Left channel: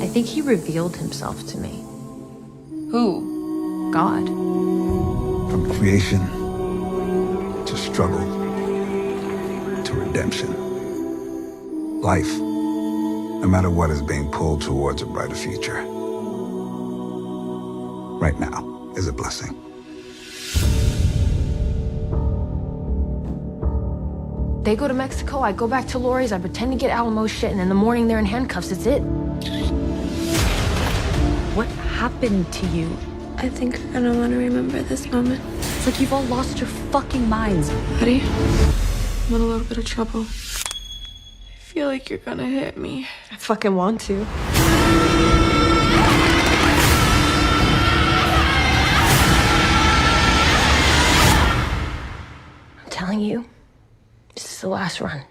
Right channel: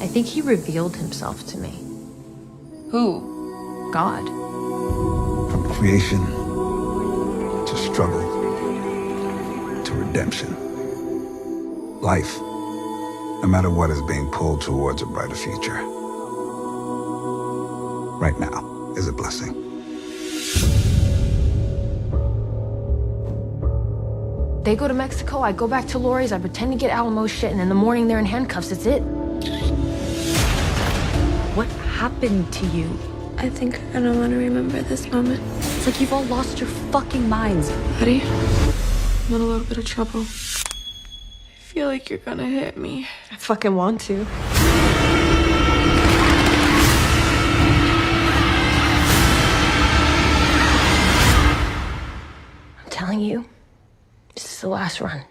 I think he revealed himself to me. Who? God. From creation to struggle to redemption. Life, no matter what, is being pulled towards a brighter future. Right now is a blessing. They go to Mexico, I go back to Lori's, I pretend to get Alamo's shit, and in the morning they're in handcuffs. It's it. What happened to you? I think you're gonna want to remember this moment. It's like you've all lost your fucking minds. Buddy, I'm in a little bit of trouble. I feel like you're gonna hit me. I fucking want to. I'm telling you, this is the last run.